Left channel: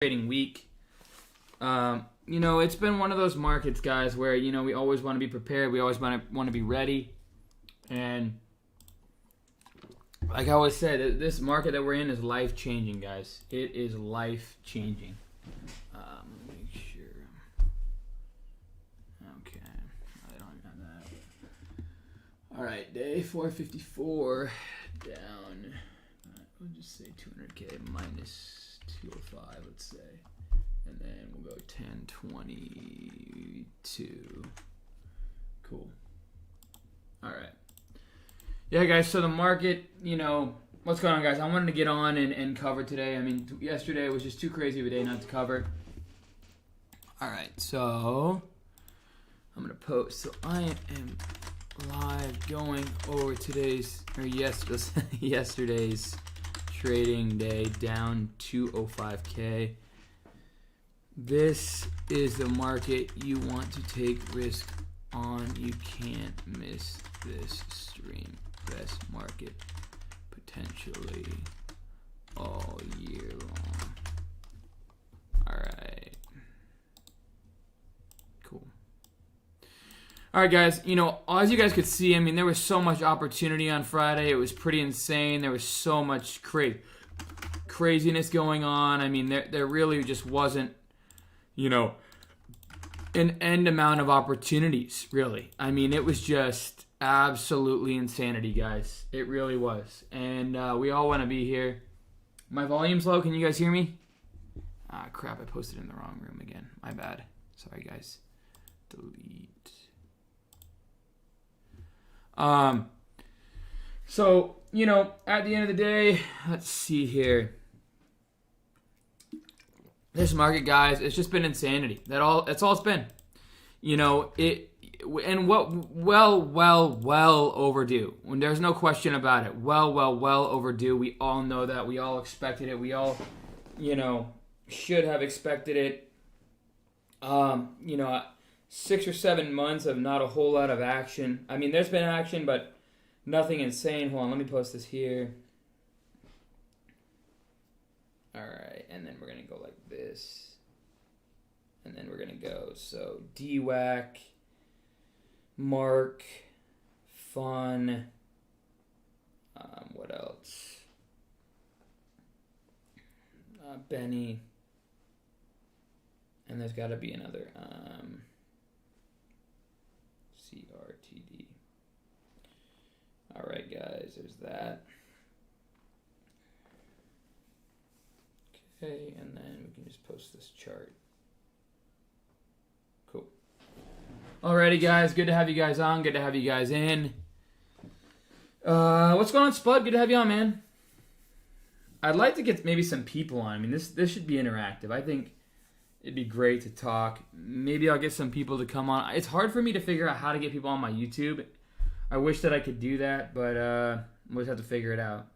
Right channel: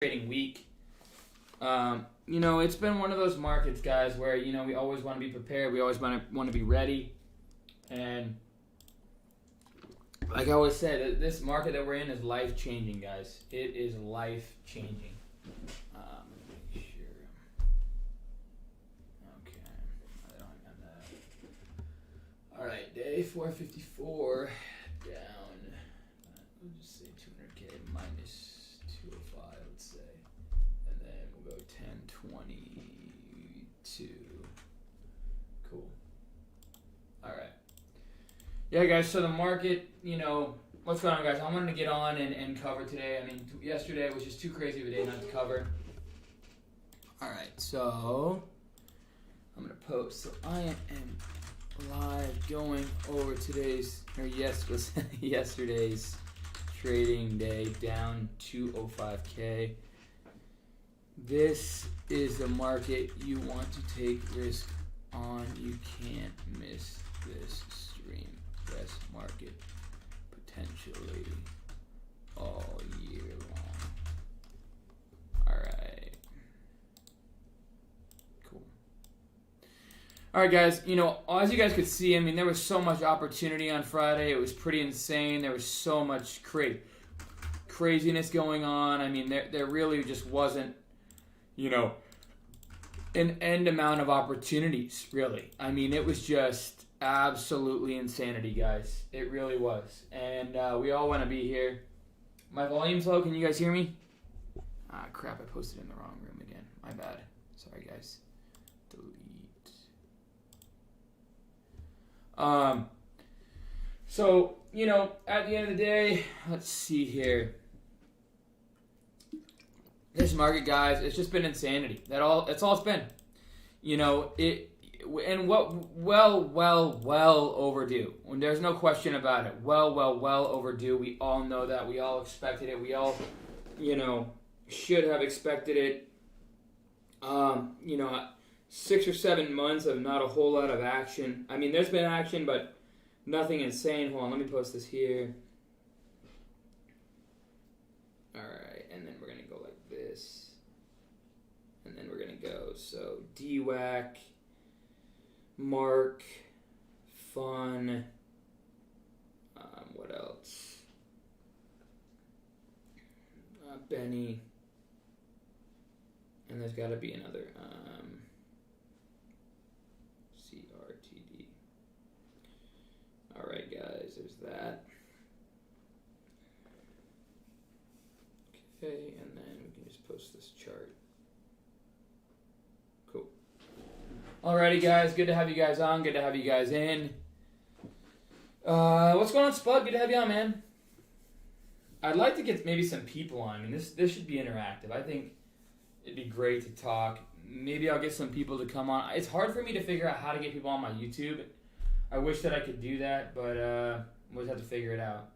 trading week. It's been one of those markets, guys, where, we always want to be prepared. We always want to be ready. And like I always said, this market that we're in is life-changing, guys. It is life-changing. Let me make sure. Okay. I don't have that. All right, day 454 down. We'll just say 200K minus 205, let's say. And then we'll go 1022. Cool. All right. Yeah, guys, so the market, what's going on, guys? I wanted to get on and cover today. I mean, yesterday was just too crazy of a day not to cover. All right, so I'm going to post. So I am live going over yesterday's trading day down 205K. This is the market you want to take risk on. You can't miss this stream. Best market potentially all year long. Alright. Cool. Alright, guys, as you guys could see, I mean, there was so much opportunity on Friday. It was pretty insane. There was so much craziness going on. I mean, there really just wasn't, an end amount of opportunities, really. I mean, it was just absolutely insanity, guys. It really was. And we all want to be here. My volume's low. Can you guys hear me? Ah, crap. I posted in the wrong room again. My bad. Sorry, guys. Delete. So, at the end of the day, let's see here. This market, guys, it's just been insanity. That's all it's been. And well overdue. When there's no question about it. Well overdue. We all know that. We all expected it. We all, should have expected it. 6 or 7 months of not a whole lot of action. I mean, there's been action, but nothing insane. Hold on, let me post this here. Alright, and then we're going to go like this. And then we're going to go, so DWAC, Mark, Fun, what else? Benny, and there's got to be another, CRTD. Alright, guys, there's that. Okay, and then we can just post this chart. Cool. Alrighty, guys, good to have you guys on. Good to have you guys in. What's going on, Spud? Good to have you on, man. I'd like to get maybe some people on. I mean, this should be interactive. I think it'd be great to talk. Maybe I'll get some people to come on. It's hard for me to figure out how to get people on my YouTube. I wish that I could do that, but we'll just have to figure it out.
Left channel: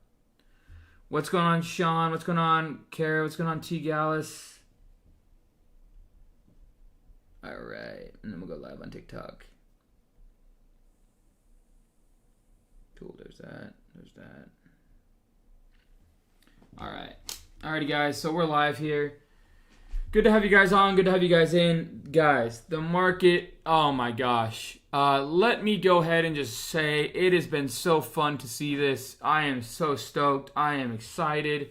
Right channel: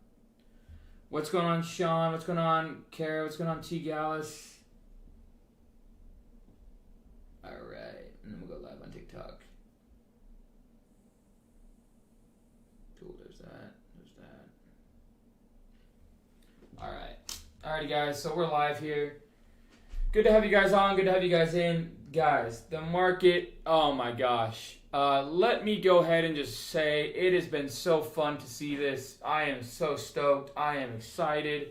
What's going on, Sean? What's going on, Kara? What's going on, T. Gallus? All right, and then we'll go live on TikTok. Cool, there's that. There's that. All right. Alrighty, guys, so we're live here. Good to have you guys on. Good to have you guys in. Guys, the market, oh my gosh. Let me go ahead and just say it has been so fun to see this. I am so stoked. I am excited.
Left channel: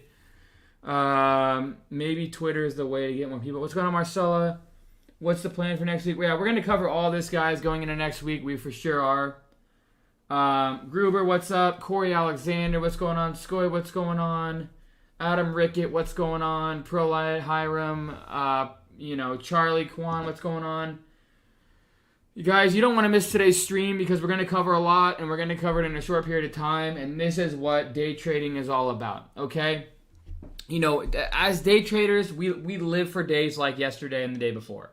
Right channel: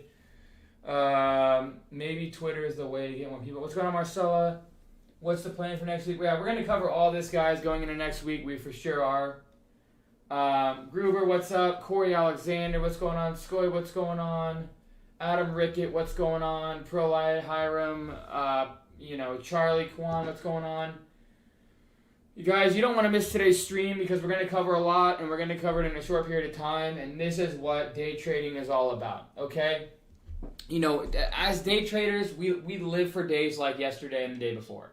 Maybe Twitter is the way to get more people. What's going on, Marcella? What's the plan for next week? Yeah, we're going to cover all this, guys, going into next week. We for sure are. Gruber, what's up? Corey Alexander, what's going on? Skoy, what's going on? Adam Rickett, what's going on? Prolight, Hiram, Charlie Kwan, what's going on? You guys, you don't want to miss today's stream because we're going to cover a lot and we're going to cover it in a short period of time. And this is what day trading is all about, okay? As day traders, we live for days like yesterday and the day before.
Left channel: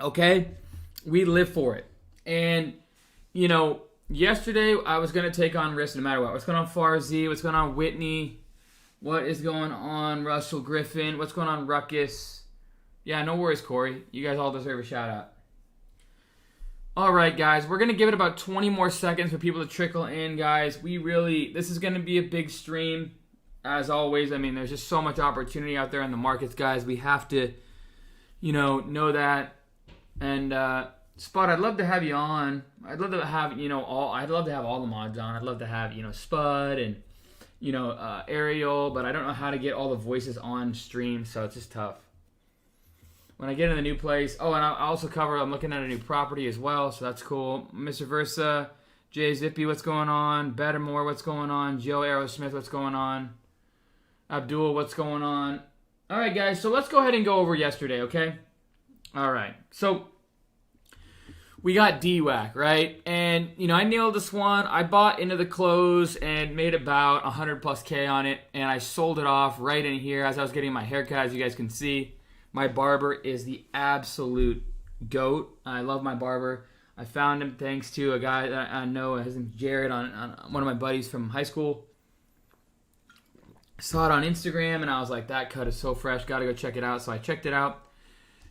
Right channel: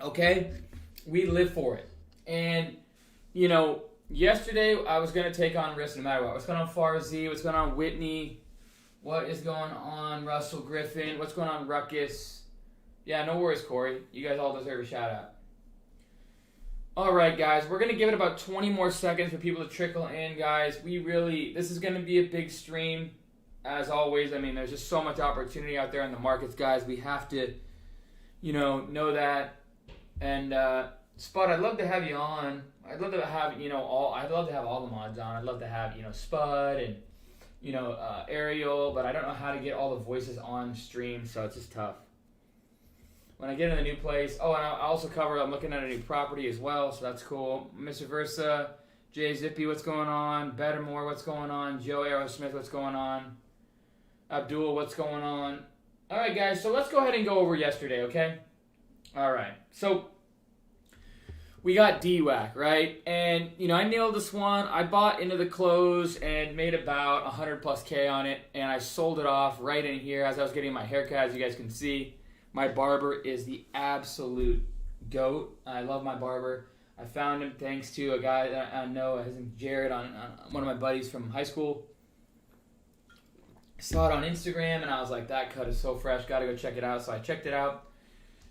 Okay? We live for it. And, yesterday I was going to take on risk no matter what. What's going on, Farzi? What's going on, Whitney? What is going on, Russell Griffin? What's going on, Ruckus? Yeah, no worries, Corey. You guys all deserve a shout-out. All right, guys. We're going to give it about 20 more seconds for people to trickle in, guys. This is going to be a big stream. as always, I mean, there's just so much opportunity out there in the markets, guys. We have to, know that. And Spot, I'd love to have you on. I'd love to have, I'd love to have all the mods on. I'd love to have, Spud and, Ariel, but I don't know how to get all the voices on stream, so it's just tough. When I get in the new place, and I also I'm looking at a new property as well, so that's cool. Mr. Versa, Jay Zippy, what's going on? Bettermore, what's going on? Joe Aerosmith, what's going on? Abdul, what's going on? All right, guys, so let's go ahead and go over yesterday, okay? All right, so we got DWAC, right? And, I nailed this one. I bought into the close and made about 100 plus K on it, and I sold it off right in here as I was getting my haircut, as you guys can see. My barber is the absolute GOAT. I love my barber. I found him thanks to a guy that I know. His name's Jared, on one of my buddies from high school. Saw it on Instagram, and I was like, that cut is so fresh. Got to go check it out. So I checked it out.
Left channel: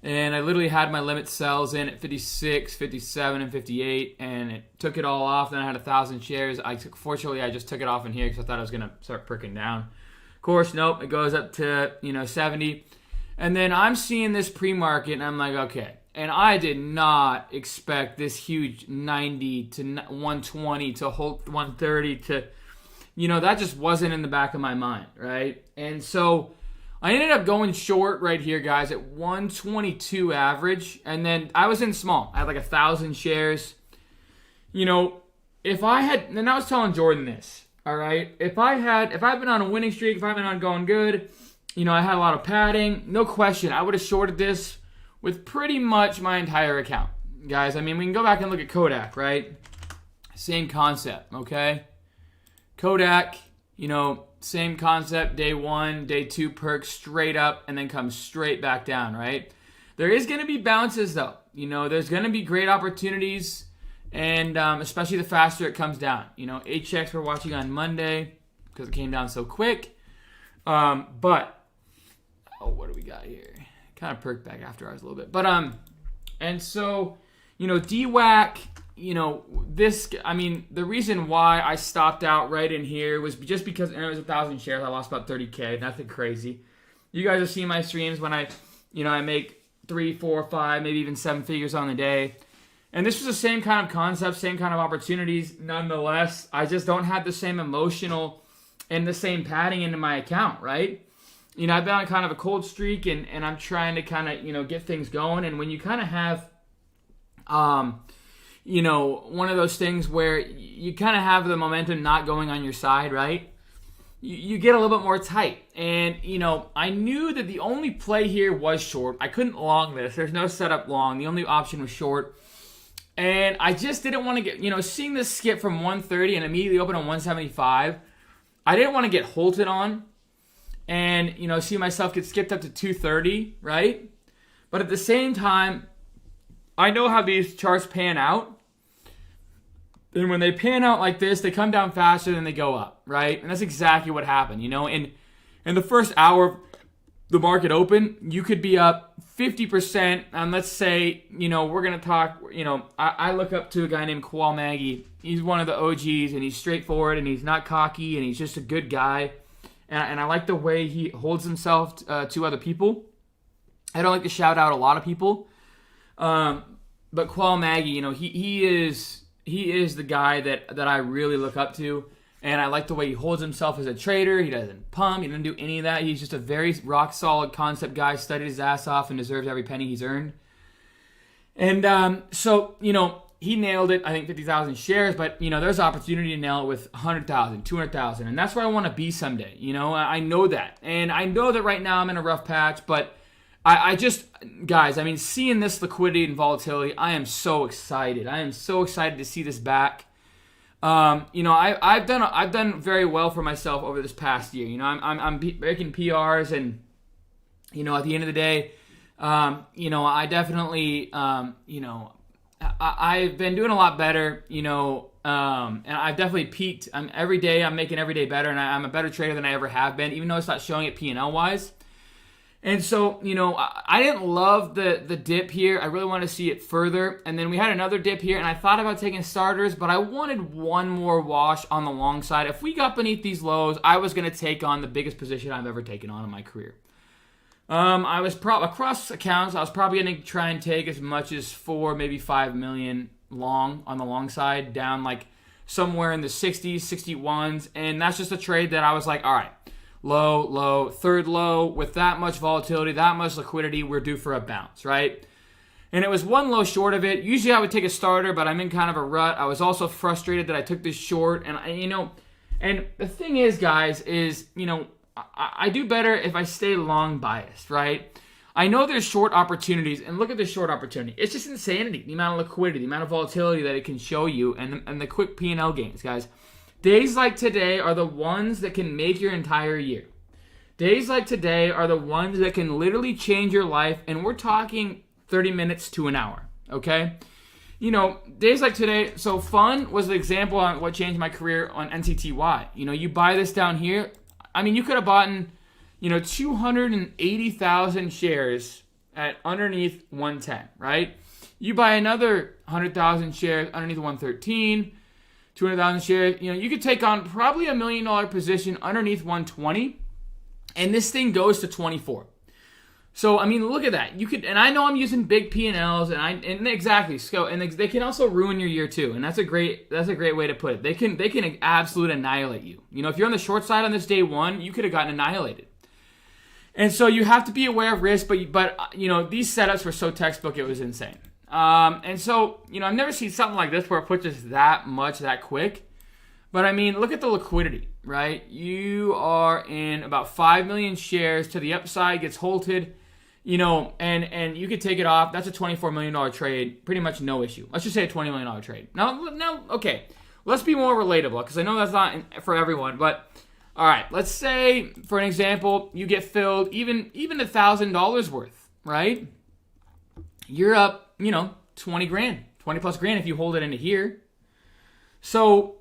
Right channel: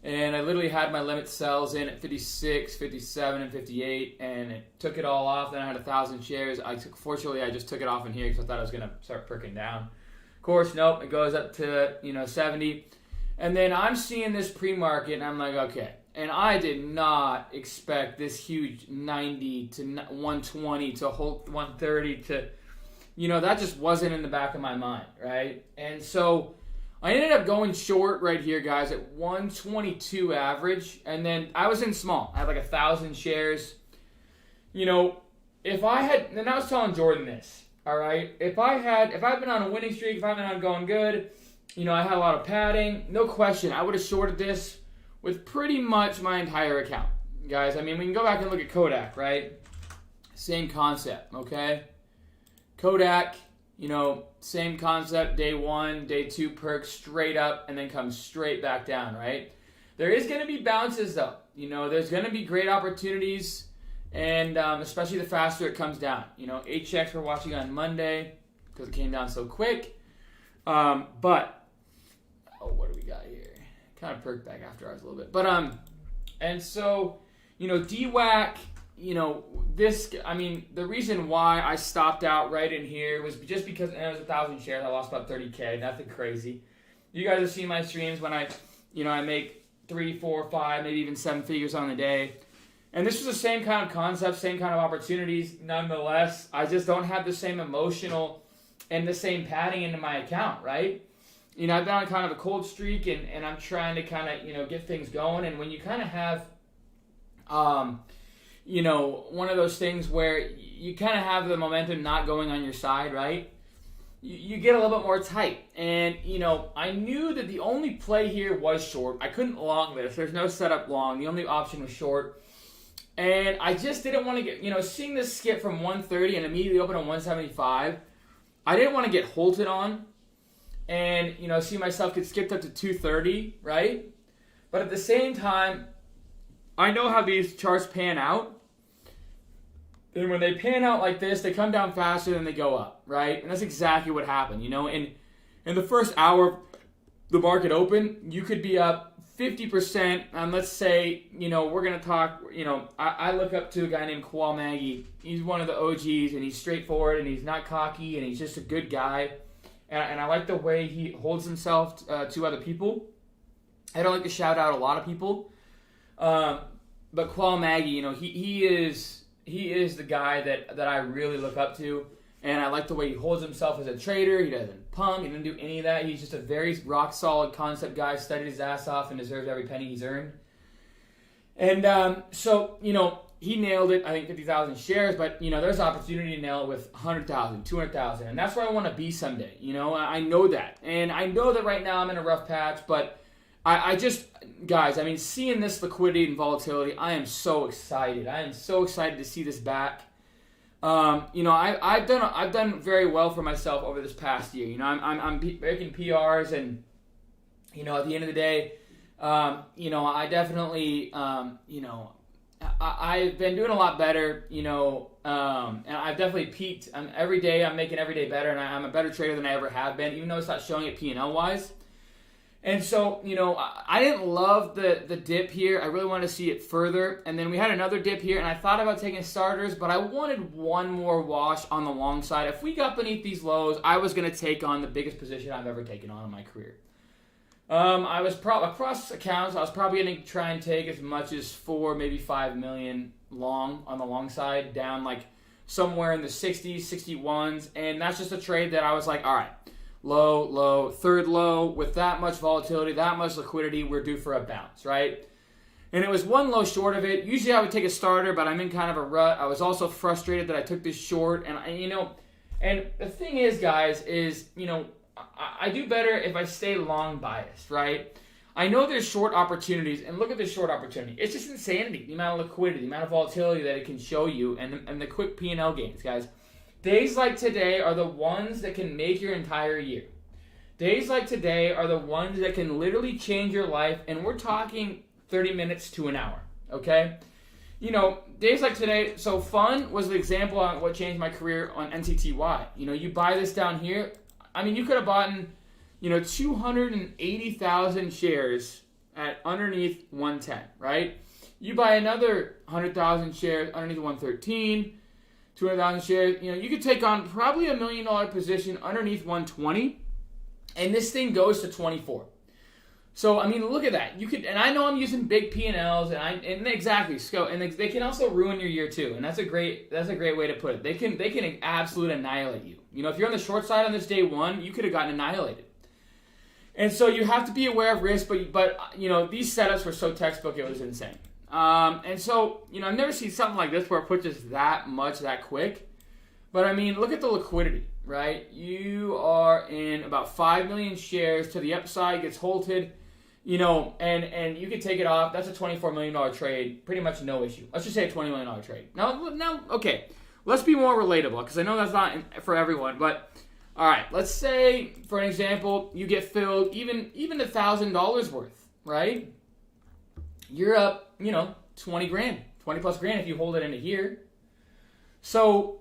And I literally had my limit sells in at 56, 57, and 58, and it took it all off. Then I had 1,000 shares. Fortunately, I just took it off in here because I thought I was going to start pricking down. Of course, nope. It goes up to, 70. And then I'm seeing this pre-market, and I'm like, okay. And I did not expect this huge 90 to 120 to hold 130 to, that just wasn't in the back of my mind, right? And so I ended up going short right here, guys, at 122 average. And then I was in small. I had like 1,000 shares. If I had, and I was telling Jordan this, all right? If I've been on a winning streak, if I've been on going good, I had a lot of padding. No question, I would have shorted this with pretty much my entire account. Guys, I mean, we can go back and look at Kodak, right? Same concept, okay? Kodak, same concept, day one, day two perk, straight up, and then comes straight back down, right? There is going to be bounces, though. There's going to be great opportunities, and especially the faster it comes down. HX we're watching on Monday because it came down so quick. What do we got here? Kind of perked back after ours a little bit. But, and so, DWAC, the reason why I stopped out right in here was just because it was 1,000 shares. I lost about 30K, nothing crazy. You guys have seen my streams when I make 3, 4, 5, maybe even 7 figures on the day. And this was the same kind of concept, same kind of opportunities. Nonetheless, I just don't have the same emotional and the same padding into my account, right? I've been on kind of a cold streak, and I'm trying to kind of, get things going. And when you kind of have, one of those things where you kind of have the momentum not going on your side, right? You get a little bit more tight. And, I knew that the only play here was short. I couldn't long this. There's no setup long. The only option was short. And I just didn't want to get, seeing this skip from 130 and immediately open on 175, I didn't want to get halted on. And, see myself get skipped up to 230, right? But at the same time, I know how these charts pan out. And when they pan out like this, they come down faster than they go up, right? And that's exactly what happened, In the first hour of the market open, you could be up 50%. And let's say, we're going to talk, I look up to a guy named Koal Maggie. He's one of the OGs, and he's straightforward, and he's not cocky, and he's just a good guy. And I like the way he holds himself to other people. I don't like to shout out a lot of people. But Koal Maggie, he is the guy that I really look up to. And I like the way he holds himself as a trader. He doesn't pump. He doesn't do any of that. He's just a very rock-solid concept guy, studied his ass off, and deserves every penny he's earned. And so, he nailed it, I think 50,000 shares, but, there's opportunity to nail it with 100,000, 200,000, and that's where I want to be someday, I know that. And I know that right now I'm in a rough patch, but I just, guys, seeing this liquidity and volatility, I am so excited. I am so excited to see this back. I've done very well for myself over this past year. I'm making PRs, and, at the end of the day, I definitely, I've been doing a lot better, and I've definitely peaked. Every day I'm making every day better, and I'm a better trader than I ever have been, even though it's not showing it P&L wise. And so, I didn't love the dip here. I really wanted to see it further. And then we had another dip here, and I thought about taking starters, but I wanted one more wash on the long side. If we got beneath these lows, I was going to take on the biggest position I've ever taken on in my career. I was across accounts, I was probably going to try and take as much as 4, maybe 5 million long on the long side, down like somewhere in the 60s, 61s. And that's just a trade that I was like, all right, low, low, third low, with that much volatility, that much liquidity, we're due for a bounce, right? And it was one low short of it. Usually I would take a starter, but I'm in kind of a rut. I was also frustrated that I took this short. And, and the thing is, guys, is, I do better if I stay long biased, right? I know there's short opportunities, and look at this short opportunity. It's just insanity, the amount of liquidity, the amount of volatility that it can show you, and the quick P&L gains, guys. Days like today are the ones that can make your entire year. Days like today are the ones that can literally change your life, and we're talking 30 minutes to an hour, okay? Days like today, so fun was the example on what changed my career on NCTY. You buy this down here. I mean, you could have bought 280,000 shares at underneath 110, right? You buy another 100,000 shares underneath 113, 200,000 shares. You could take on probably $1 million position underneath 120, and this thing goes to 24. So, I mean, look at that. You could, and I know I'm using big P&Ls, and exactly, and they can also ruin your year too, and that's a great way to put it. They can absolutely annihilate you. If you're on the short side on this day one, you could have gotten annihilated. And so you have to be aware of risk, but these setups were so textbook, it was insane. And so, I've never seen something like this where it puts us that much that quick. But I mean, look at the liquidity, right? You are in about 5 million shares to the upside, gets halted. And you could take it off. That's a $24 million trade. Pretty much no issue. Let's just say a $20 million trade. Now, okay. Let's be more relatable, because I know that's not for everyone. But, all right. Let's say, for an example, you get filled even $1,000 worth, right? You're up, 20 grand. 20 plus grand if you hold it into here. So,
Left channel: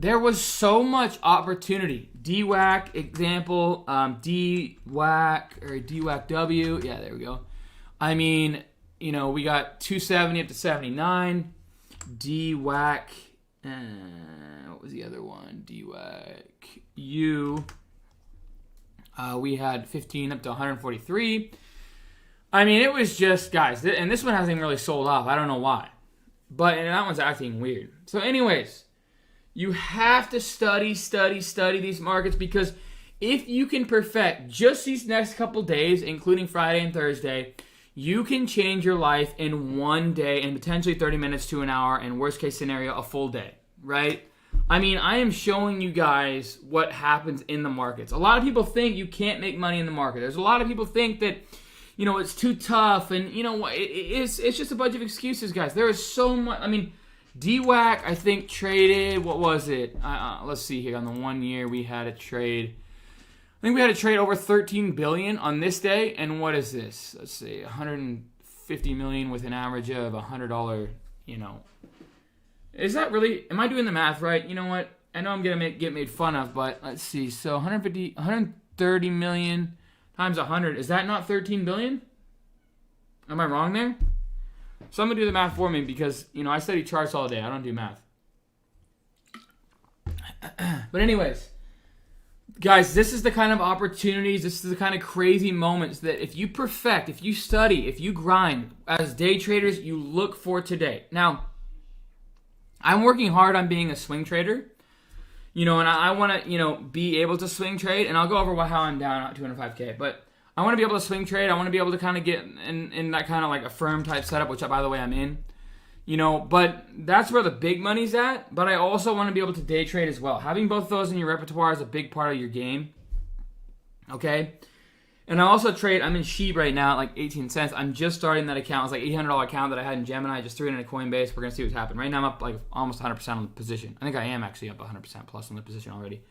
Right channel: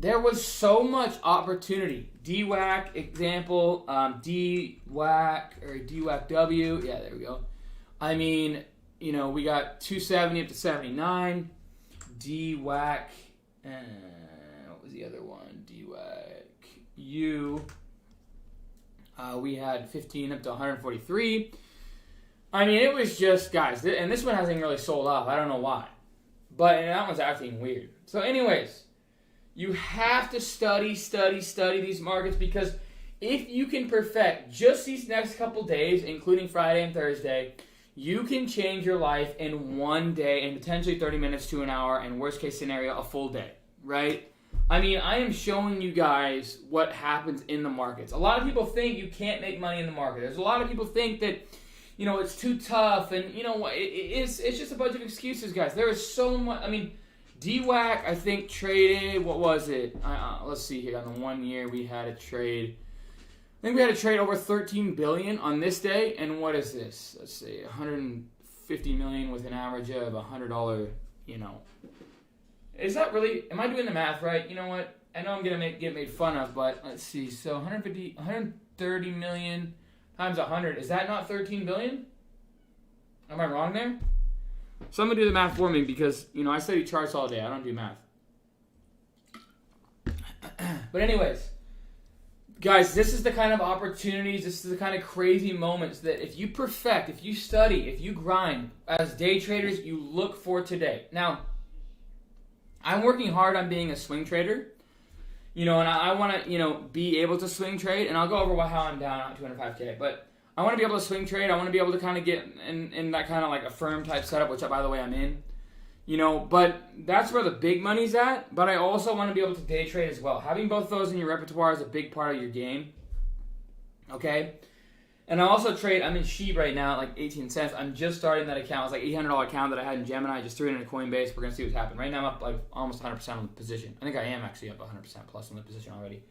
there was so much opportunity. DWAC example, DWAC or DWAC-W. Yeah, there we go. I mean, we got 270 up to 79. DWAC, what was the other one? DWAC-U. We had 15 up to 143. I mean, it was just, guys, and this one hasn't even really sold off. I don't know why. And that one's acting weird. So anyways, you have to study these markets, because if you can perfect just these next couple days, including Friday and Thursday, you can change your life in one day and potentially 30 minutes to an hour, and worst case scenario, a full day, right? I mean, I am showing you guys what happens in the markets. A lot of people think you can't make money in the market. There's a lot of people think that, it's too tough, and it's just a bunch of excuses, guys. There is so much. I mean, DWAC, I think, traded, what was it? Let's see here. On the 1 year, we had a trade. I think we had a trade over $13 billion on this day. And what is this? Let's see, $150 million with an average of $100, Is that really, am I doing the math right? You know what? I know I'm going to get made fun of, but let's see. So 130 million times 100. Is that not 13 billion? Am I wrong there? Someone do the math for me, because, I study charts all day. I don't do math. But anyways, guys, this is the kind of opportunities, this is the kind of crazy moments that if you perfect, if you study, if you grind, as day traders, you look for today. Now, I'm working hard on being a swing trader, and I want to, be able to swing trade, and I'll go over how I'm down at 205K, but I want to be able to swing trade. I want to be able to kind of get in that kind of like a firm type setup, which, by the way, I'm in. But that's where the big money's at. But I also want to be able to day trade as well. Having both of those in your repertoire is a big part of your game. Okay? And I also trade. I'm in Sheep right now at like 18 cents. I'm just starting that account. It's like $800 account that I had in Gemini. I just threw it in a Coinbase. We're going to see what's happening. Right now I'm up like almost 100% on the position. I think I am actually up 100% plus on the position already.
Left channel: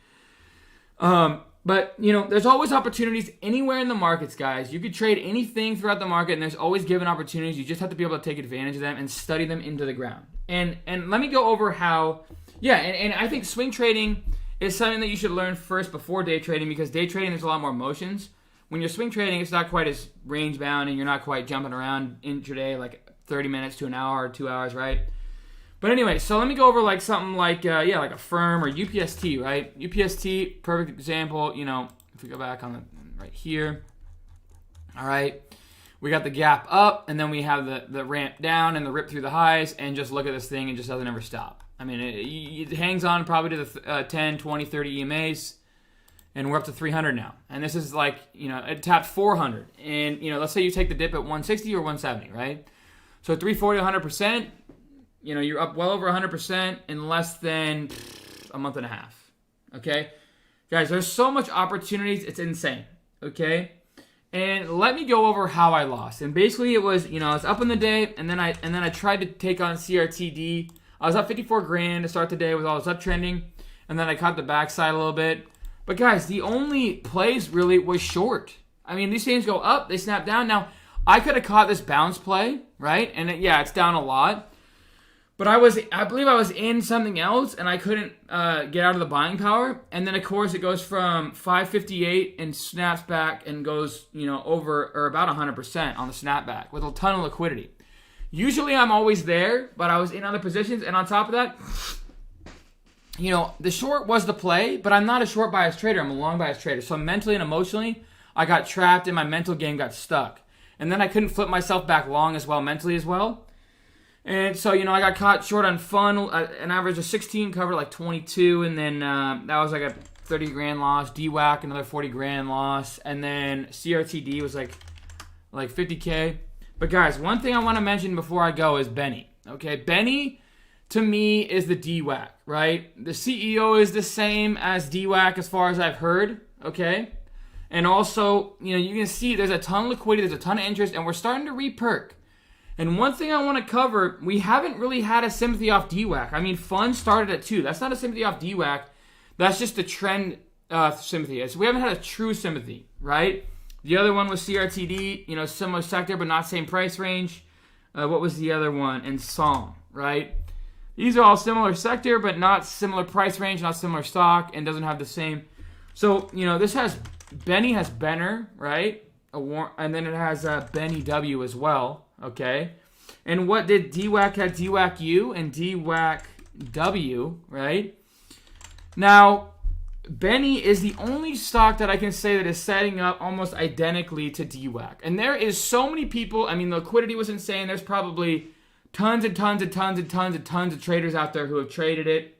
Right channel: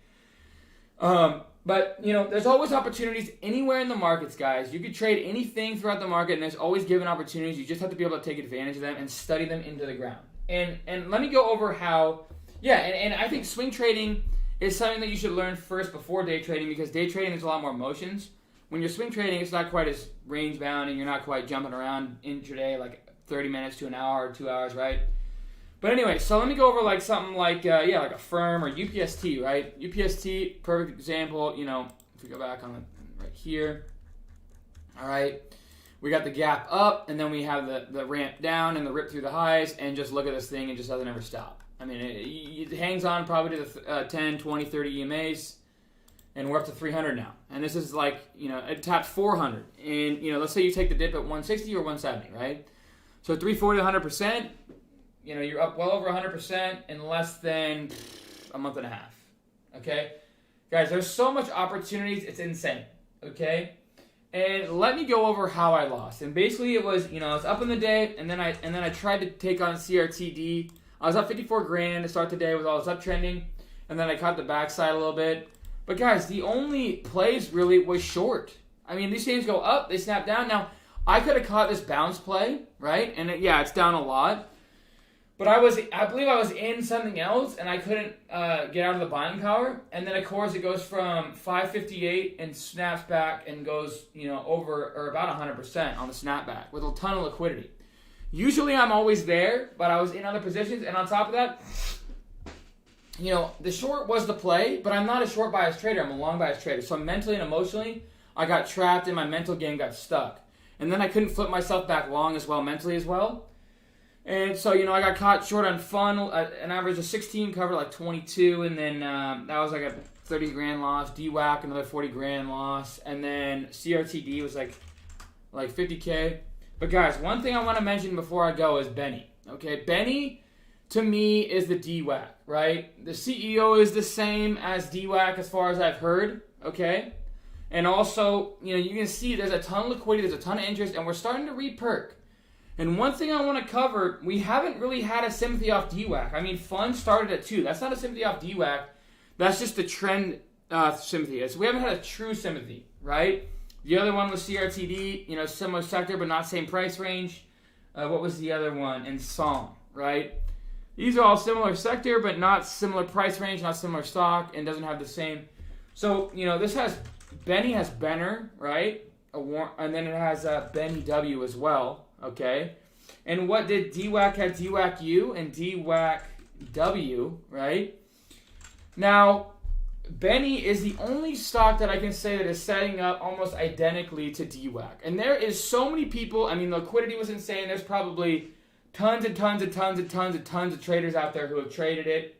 But, there's always opportunities anywhere in the markets, guys. You could trade anything throughout the market, and there's always given opportunities. You just have to be able to take advantage of them and study them into the ground. And let me go over how, and I think swing trading is something that you should learn first before day trading, because day trading, there's a lot more emotions. when you're swing trading, it's not quite as range bound and you're not quite jumping around intraday like 30 minutes to an hour or 2 hours, right? But anyway, so let me go over like something like, like a firm or UPST, right? UPST, perfect example, if we go back on right here, all right? We got the gap up, and then we have the ramp down and the rip through the highs, and just look at this thing, it just doesn't ever stop. I mean, it hangs on probably to the 10, 20, 30 EMAs, and we're up to 300 now. And this is like, it tapped 400. And, let's say you take the dip at 160 or 170, right? So 340 to 100%, you're up well over 100% in less than a month and a half, okay? Guys, there's so much opportunities, it's insane, okay? And let me go over how I lost. And basically it was, I was up in the day, and then I tried to take on CRTD. I was up 54 grand to start the day with all this uptrending, and then I caught the backside a little bit. But guys, the only plays really was short. I mean, these things go up, they snap down. Now, I could have caught this bounce play, right? And it's down a lot. But I believe I was in something else, and I couldn't get out of the buying power. And then, of course, it goes from 558 and snaps back and goes, over or about 100% on the snapback with a ton of liquidity. Usually, I'm always there, but I was in other positions. And on top of that, the short was the play, but I'm not a short bias trader. I'm a long bias trader. So mentally and emotionally, I got trapped, and my mental game got stuck. And then I couldn't flip myself back long as well, mentally as well. And so, I got caught short on fun, an average of 16, covered like 22, and then that was like a 30 grand loss. DWAC, another 40 grand loss, and then CRTD was like 50K. But guys, one thing I want to mention before I go is Benny. Okay, Benny, to me, is the DWAC, right? The CEO is the same as DWAC as far as I've heard, okay? And also, you can see there's a ton of liquidity, there's a ton of interest, and we're starting to re-perk. And one thing I want to cover, we haven't really had a sympathy off DWAC. I mean, fun started at 2. That's not a sympathy off DWAC. That's just the trend sympathy. So we haven't had a true sympathy, right? The other one was CRTD, similar sector, but not same price range. What was the other one? And Song, right? These are all similar sector, but not similar price range, not similar stock, and doesn't have the same. So, this has, Benny has Benner, right? And then it has Benny W as well. Okay, and what did DWAC had? DWAC U and DWAC W, right? Now, Benny is the only stock that I can say that is setting up almost identically to DWAC. And there is so many people, I mean, the liquidity was insane. There's probably tons and tons and tons and tons and tons of traders out there who have traded it.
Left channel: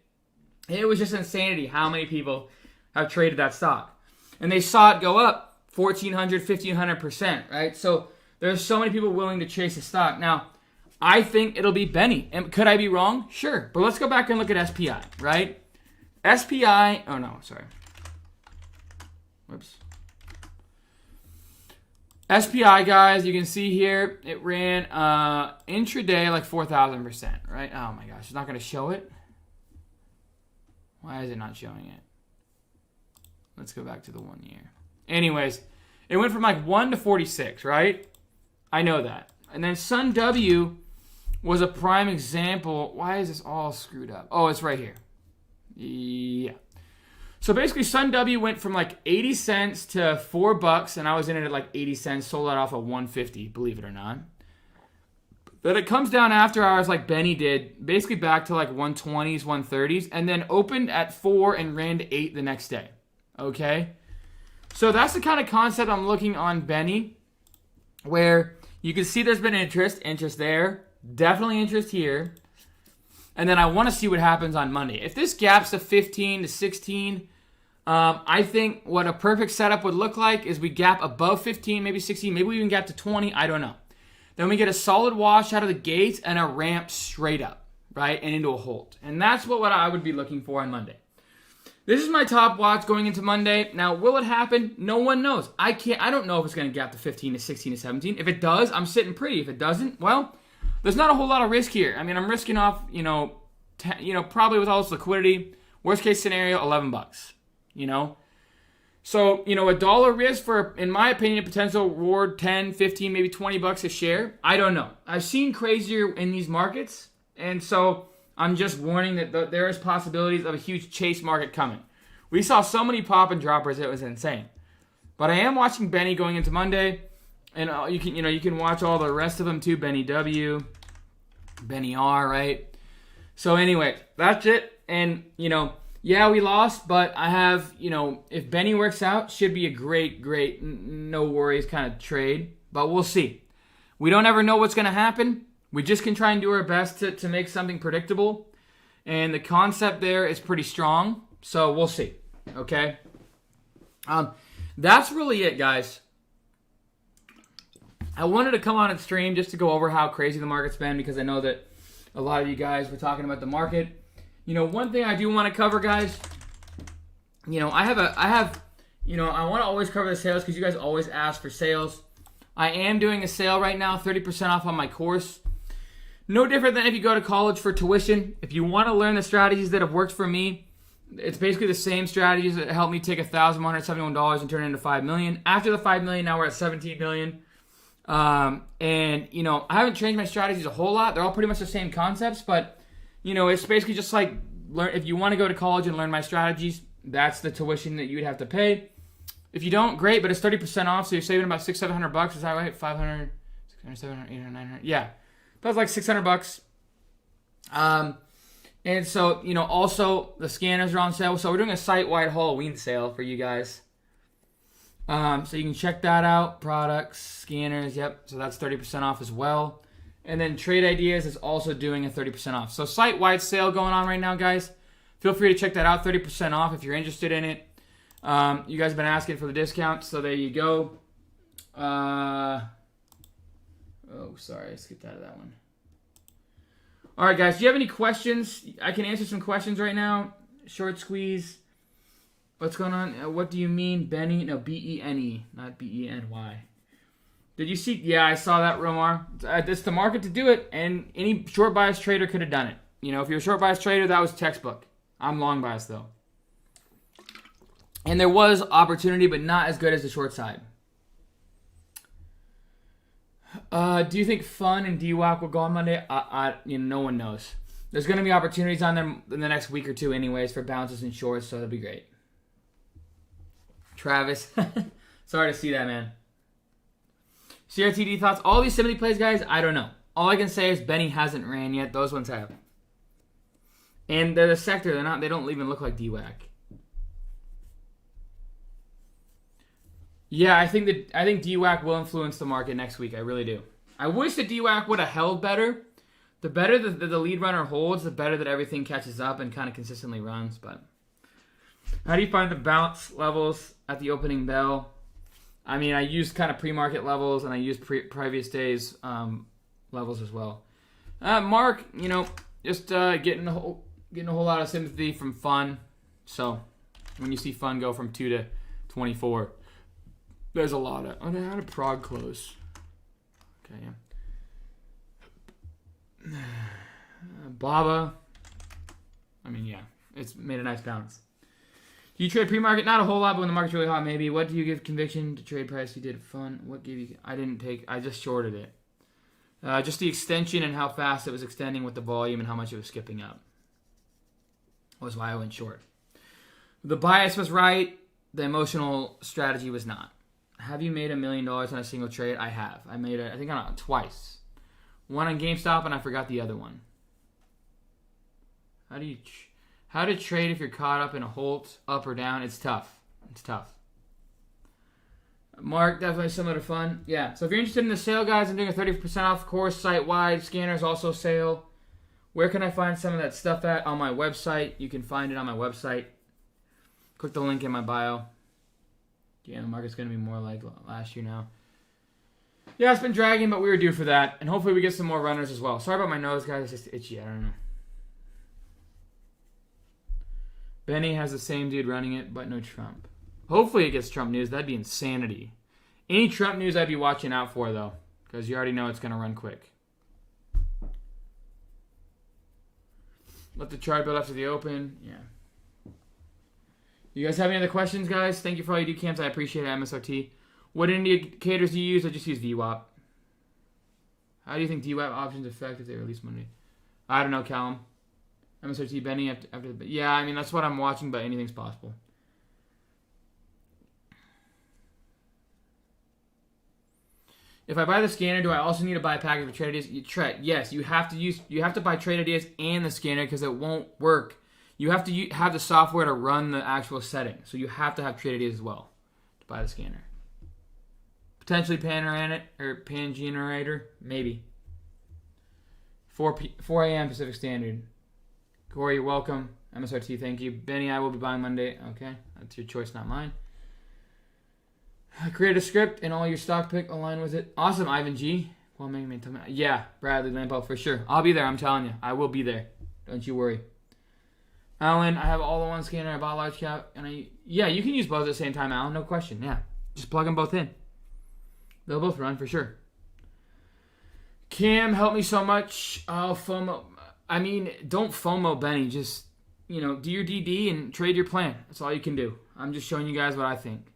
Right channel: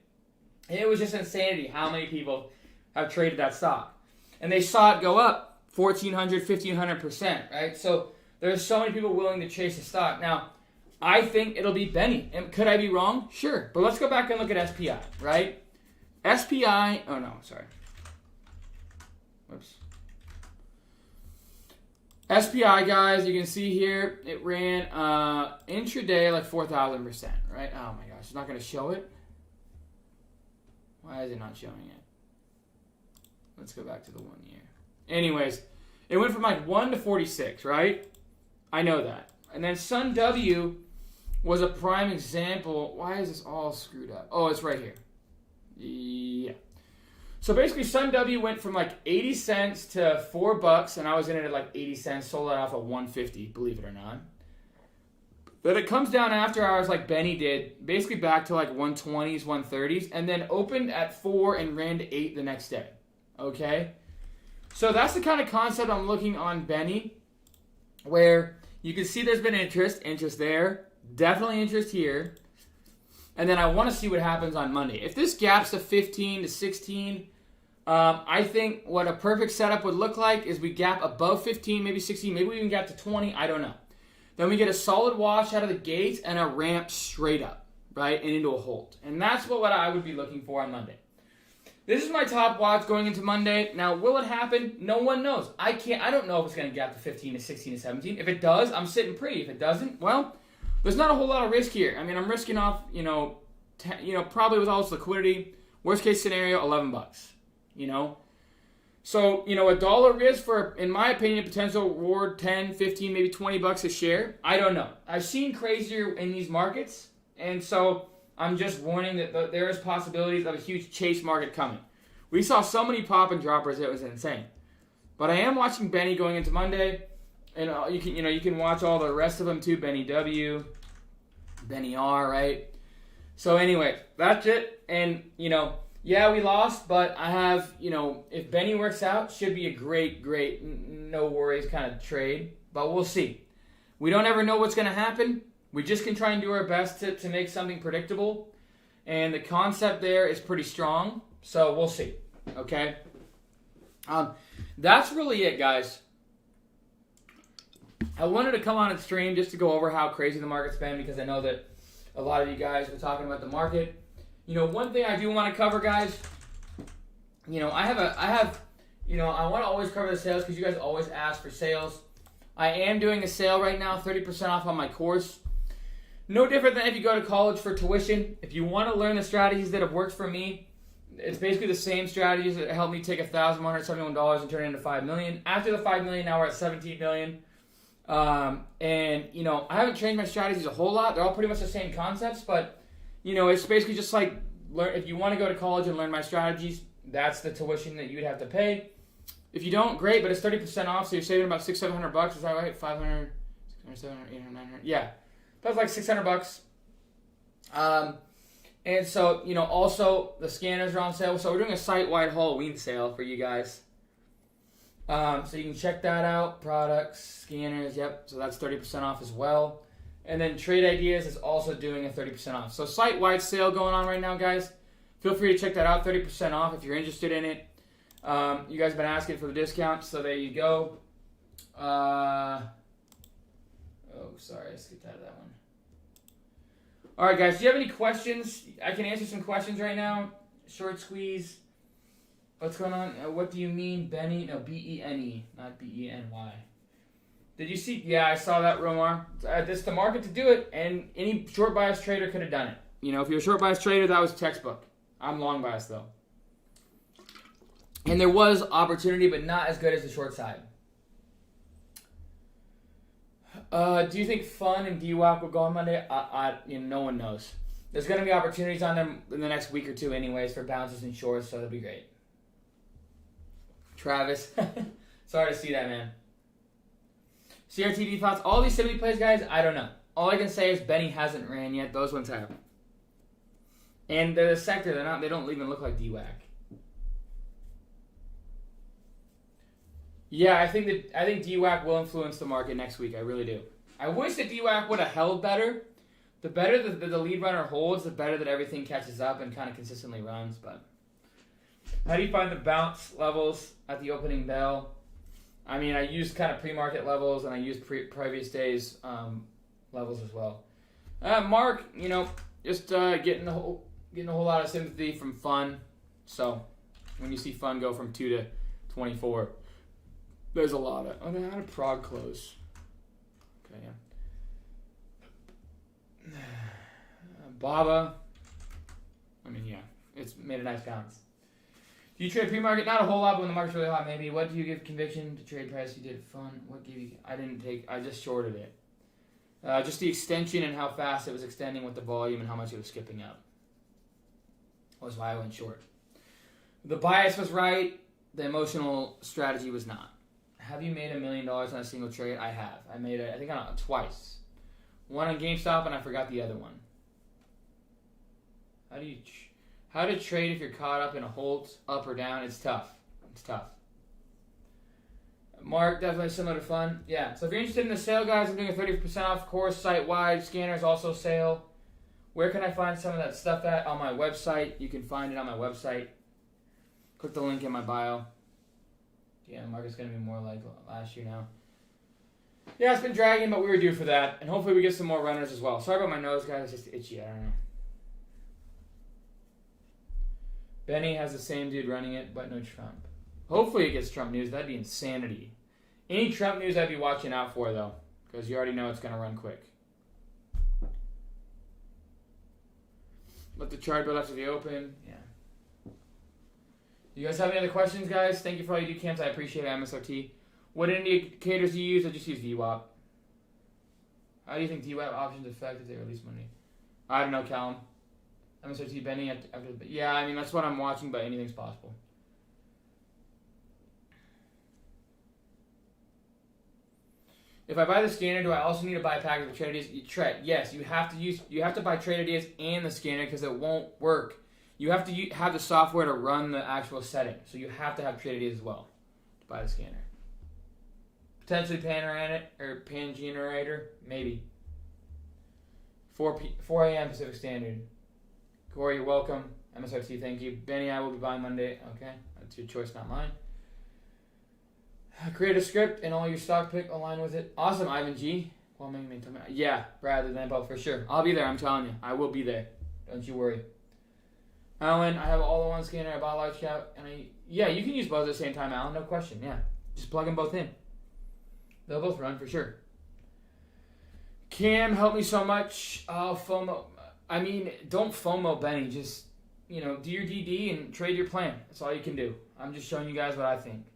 It was just insanity how many people have traded that stock. And they saw it go up 1,400, 1,500%, right? So there's so many people willing to chase a stock. Now, I think it'll be Benny. And could I be wrong? Sure. But let's go back and look at SPI, right? SPI, oh no, sorry. Whoops. SPI, guys, you can see here, it ran intraday like 4,000%, right? Oh my gosh, it's not going to show it? Why is it not showing it? Let's go back to the 1 year. Anyways, it went from like 1 to 46, right? I know that. And then Sun W was a prime example. Why is this all screwed up? Oh, it's right here. Yeah. So basically, Sun W went from like 80 cents to $4, and I was in it at like 80 cents, sold that off at 150, believe it or not. But it comes down after hours like Benny did, basically back to like 120s, 130s, and then opened at 4 and ran to 8 the next day. Okay? So that's the kind of concept I'm looking on Benny, where you can see there's been interest there, definitely interest here, and then I want to see what happens on Monday. If this gaps to 15 to 16, I think what a perfect setup would look like is we gap above 15, maybe 16, maybe we even gap to 20, I don't know. Then we get a solid wash out of the gates and a ramp straight up, right, and into a hold. And that's what I would be looking for on Monday. This is my top watch going into Monday. Now, will it happen? No one knows. I don't know if it's going to gap to 15 to 16 to 17. If it does, I'm sitting pretty. If it doesn't, well, there's not a whole lot of risk here. I mean, I'm risking off, probably with all this liquidity. Worst case scenario, $11. So, a dollar risk for, in my opinion, potential reward 10, 15, maybe $20 a share. I don't know. I've seen crazier in these markets, and so I'm just warning that there is possibilities of a huge chase market coming. We saw so many pop and droppers, it was insane. But I am watching Benny going into Monday, and you can watch all the rest of them too. Benny W, Benny R, right? So anyway, that's it. And yeah, we lost, but I have if Benny works out, should be a great, no worries kind of trade. But we'll see. We don't ever know what's going to happen. We just can try and do our best to make something predictable. And the concept there is pretty strong. So we'll see. Okay? That's really it, guys. I wanted to come on and stream just to go over how crazy the market's been because I know that a lot of you guys were talking about the market. One thing I do want to cover, guys, I want to always cover the sales because you guys always ask for sales. I am doing a sale right now, 30% off on my course. No different than if you go to college for tuition. If you want to learn the strategies that have worked for me, it's basically the same strategies that helped me take $1,171 and turn it into $5 million. After the $5 million, now we're at $17 million. I haven't changed my strategies a whole lot. They're all pretty much the same concepts, but, it's basically just like, if you want to go to college and learn my strategies, that's the tuition that you would have to pay. If you don't, great, but it's 30% off, so you're saving about $600-700. Is that right? 500, 600, 700, 800, 900. Yeah. That's like $600. And so, also the scanners are on sale. So we're doing a site-wide Halloween sale for you guys. So you can check that out. Products, scanners, yep. So that's 30% off as well. And then Trade Ideas is also doing a 30% off. So site-wide sale going on right now, guys. Feel free to check that out, 30% off if you're interested in it. You guys have been asking for the discount, so there you go. Sorry, I skipped out of that one. All right, guys, do you have any questions? I can answer some questions right now. Short squeeze. What's going on? What do you mean, Benny? No, B-E-N-E, not B-E-N-Y. Did you see? Yeah, I saw that, Romar. It's the market to do it, and any short bias trader could have done it. If you're a short bias trader, that was textbook. I'm long bias, though. And there was opportunity, but not as good as the short side. Do you think Fun and DWAC will go on Monday? No one knows. There's going to be opportunities on them in the next week or two anyways for bounces and shorts, so it'll be great. Travis. Sorry to see that, man. CRTD thoughts. All these sympathy plays, guys, I don't know. All I can say is Benny hasn't ran yet. Those ones have. And they're the sector. They don't even look like DWAC. Yeah, I think DWAC will influence the market next week. I really do. I wish that DWAC would have held better. The better that the lead runner holds, the better that everything catches up and kind of consistently runs. But how do you find the bounce levels at the opening bell? I mean, I used kind of pre-market levels and I used previous days levels as well. Mark, just getting a whole lot of sympathy from Fun. So when you see Fun go from 2 to 24. There's a lot of... how did Prague close? Okay, yeah. Baba. I mean, yeah. It's made a nice bounce. Do you trade pre-market? Not a whole lot, but when the market's really hot, maybe. What do you give conviction to trade price? You did Fun. What gave you... I just shorted it. Just the extension and how fast it was extending with the volume and how much it was skipping up. Was why I went short. The bias was right. The emotional strategy was not. Have you made $1 million on a single trade? I have. I made it, I think, on twice. One on GameStop, and I forgot the other one. How to trade if you're caught up in a hold, up or down? It's tough. Mark, definitely similar to Fun. Yeah. So if you're interested in the sale, guys, I'm doing a 30% off course site-wide. Scanners also sale. Where can I find some of that stuff at? On my website. You can find it on my website. Click the link in my bio. Yeah, the market's going to be more like last year now. Yeah, it's been dragging, but we were due for that. And hopefully we get some more runners as well. Sorry about my nose, guys. It's just itchy. I don't know. Benny has the same dude running it, but no Trump. Hopefully it gets Trump news. That'd be insanity. Any Trump news I'd be watching out for, though. Because you already know it's going to run quick. Let the chart build up to the open. Yeah. You guys have any other questions, guys? Thank you for all you do, Camps. I appreciate it, MSRT. What indicators do you use? I just use VWAP. How do you think DWAP options affect if they release Monday? I don't know, Callum. MSRT, Benny, after the... Yeah, I mean, that's what I'm watching, but anything's possible. If I buy the scanner, do I also need to buy a package of trade ideas? Yes, you have to buy trade ideas and the scanner because it won't work. You have to have the software to run the actual setting. So you have to have trade ideas as well to buy the scanner. Potentially pan generator, maybe. 4 a.m. Pacific Standard. Corey, you're welcome. MSRT, thank you. Benny, I will be buying Monday. Okay, that's your choice, not mine. Create a script and all your stock pick align with it. Awesome, Ivan G. Well, maybe yeah, Bradley Lambo for sure. I'll be there. I'm telling you, I will be there. Don't you worry. Alan, I have all in one scanner. I bought a large cap, and you can use both at the same time, Alan. No question. Yeah, just plug them both in. They'll both run for sure. Cam, help me so much. FOMO. I mean, don't FOMO, Benny. Just do your DD and trade your plan. That's all you can do. I'm just showing you guys what I think.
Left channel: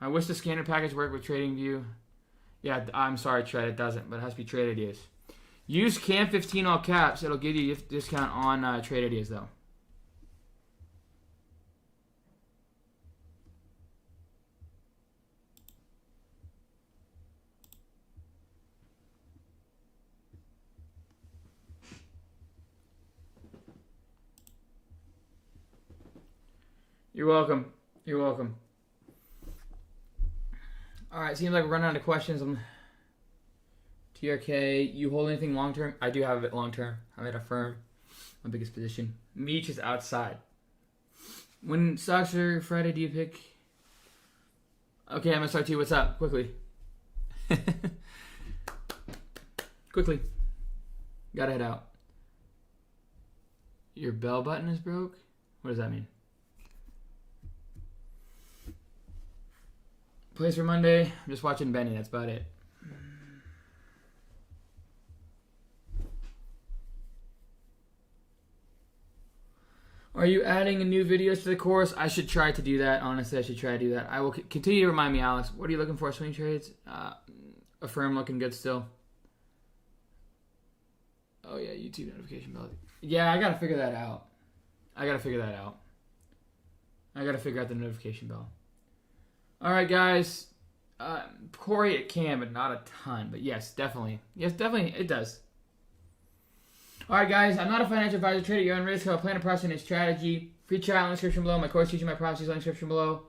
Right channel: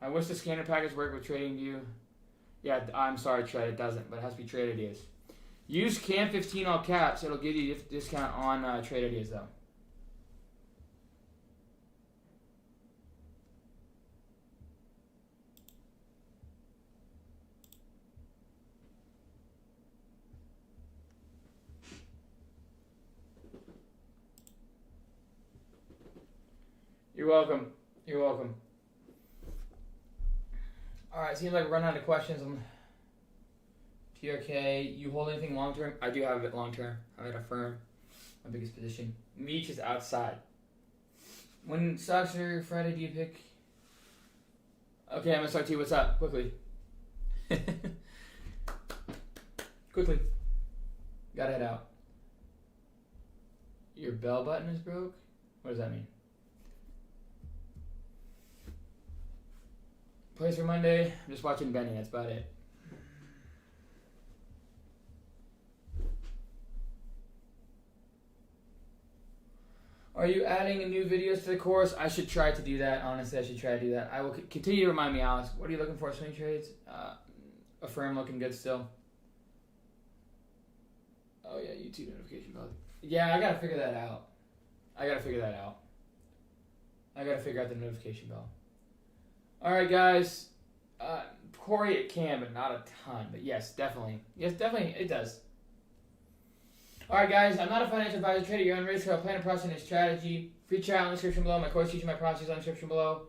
I wish the scanner package worked with TradingView. Yeah, I'm sorry, Trade, it doesn't, but it has to be trade ideas. Use CAM15 all caps. It'll give you a discount on trade ideas, though. You're welcome. You're welcome. All right, seems like we're running out of questions. TRK, you hold anything long term? I do have it long term. I'm at a firm. My biggest position. Meech is outside. When stocks are Friday, do you pick? Okay, MSRT, what's up? Quickly. Quickly. Gotta head out. Your bell button is broke? What does that mean? Place for Monday. I'm just watching Benny. That's about it. Are you adding new videos to the course? I should try to do that. Honestly, I should try to do that. I will continue to remind me, Alex. What are you looking for? Swing trades? A firm looking good still. Oh, yeah. YouTube notification bell. Yeah, I got to figure that out. I got to figure out the notification bell. All right, guys. Corey, it can, but not a ton. But yes, definitely. Yes, definitely, it does. All right, guys. I'm not a financial advisor. Trade at your own risk. I plan a process and strategy. Free trial in the description below. My course teaching my process in the description below.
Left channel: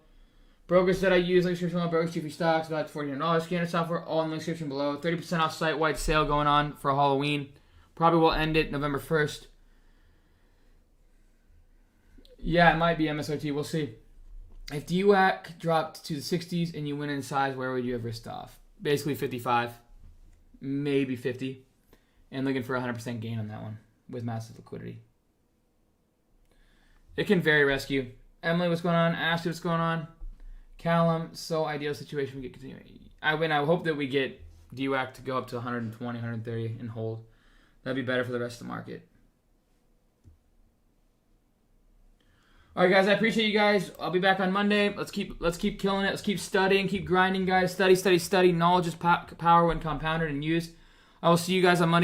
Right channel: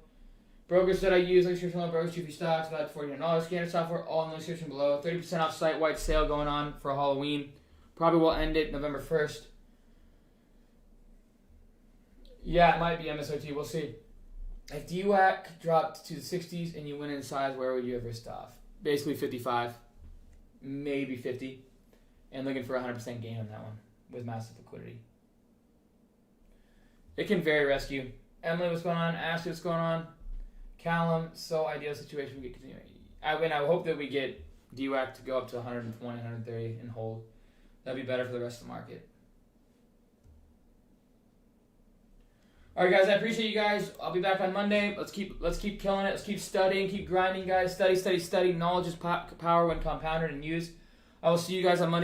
Brokers that I use in the description below. Brokers cheap stocks. About $400 scanner software. All in the description below. 30% off site-wide sale going on for Halloween. Probably will end it November 1st. Yeah, it might be MSRT. We'll see. If DWAC dropped to the 60s and you went in size, where would you have risked off? Basically 55, maybe 50, and looking for 100% gain on that one with massive liquidity. It can vary, rescue. Emily, what's going on? Ashley, what's going on? Callum, so ideal situation we get continuing. I hope that we get DWAC to go up to 120, 130 and hold. That'd be better for the rest of the market. All right, guys, I appreciate you guys. I'll be back on Monday. Let's keep killing it. Let's keep studying, keep grinding, guys. Study. Knowledge is power when compounded and used. I will see you guys on Monday.